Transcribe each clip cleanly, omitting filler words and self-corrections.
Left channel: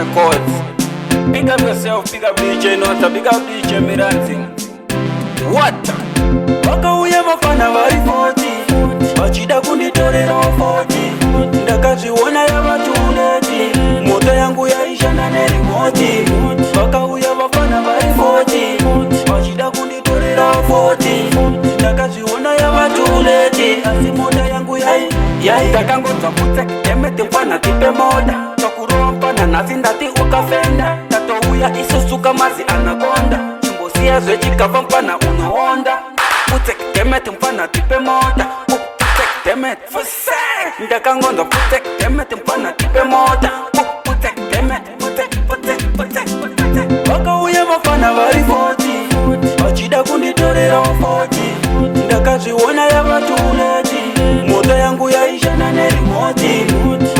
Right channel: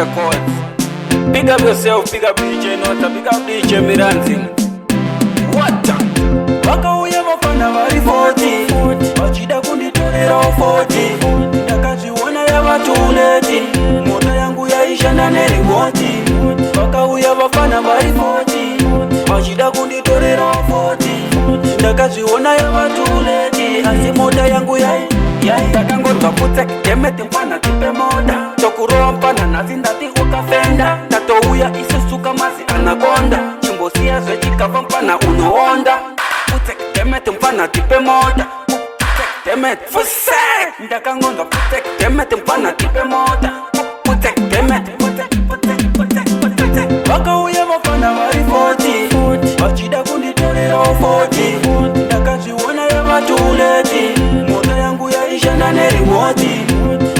Records. Big up yourself, big up DJ Nota, big up DJ Miranzi. What? Waka uya mafana bari 40 Wachida kunditorera 40 Ndakaziona ya matuleti Moto yangu yaisha ndani remote. Waka uya mafana bari 40 Wachida kunditorera 40 Ndakaziona ya matuleti Moto yangu yaitaka ngoto kute Kemeti mfana tipe moda Chokuro mpana nazindati ukafenda Tato uya isusuka mazi anakonda Chimbo siya zoe kava mpana unoonda Putek temet mpana tipe moda Putek temet fuse Ndaka ngondo putek temet mpana tipe moda Putek temet putek Waka uya mafana bari 40 Wachida kunditorera 40 Ndaka ziona ya matuleti Moto yangu yaisha ndani remote.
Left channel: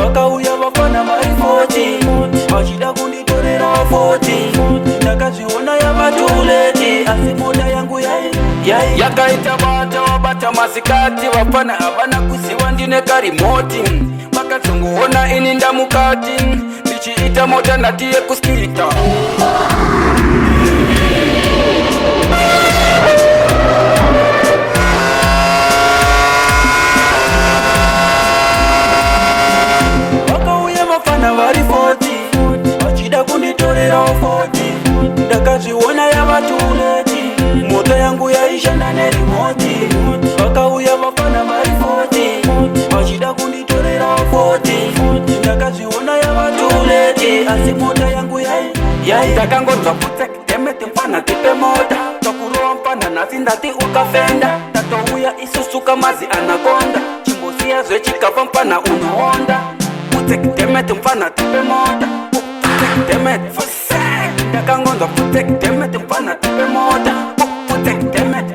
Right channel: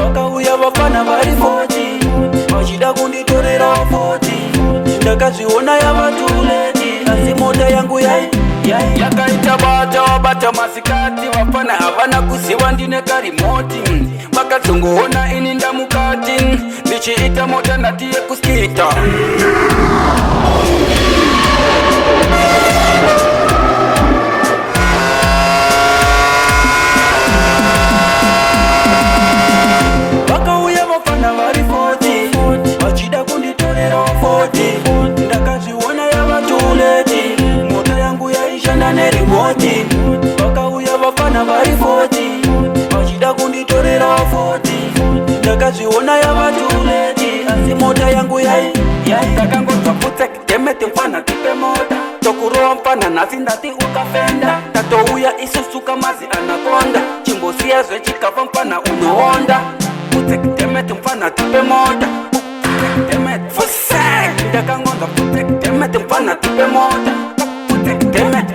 Waka uya mafana bari 40 Wachida kunditorera 40 Ndaka ziona ya matuleti Moto yangu yakaita bata masikati wafana havana kusiwa ndine karimoti makazunguona ini ndamukati ndichiita mota natiye kuskita nazindati ukafenda Tato uya isusuka mazi anakonda Chimbo siya zoe chikava mpana unoonda Putek temet mpana tipe moda Putek temet fuse Ndaka ngondo putek temet mpana tipe moda Putek temet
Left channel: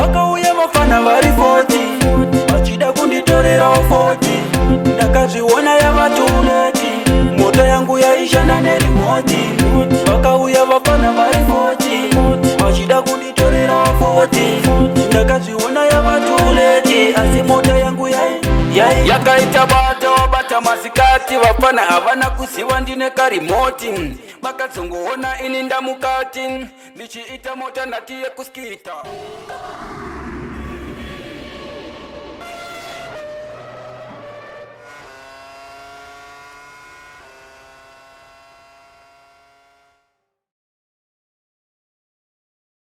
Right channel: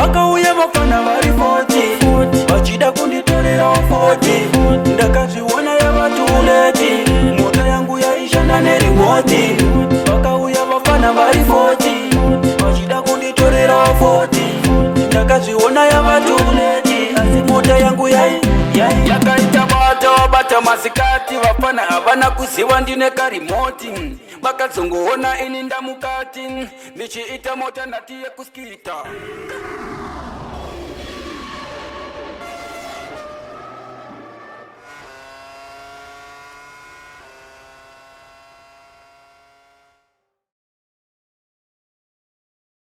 Waka uya mafana bari 40 Wachida kunditorera 40 Ndaka ziona ya matuleti Moto yangu yaisha ndani remote. Waka uya mafana bari 40 Wachida kunditorera 40 Ndaka ziona ya matuleti Moto yangu yakaita bata masikati wafana havana kusiwa ndine karimoti makazunguona ini ndamukati ndichiita mota natiye kuskita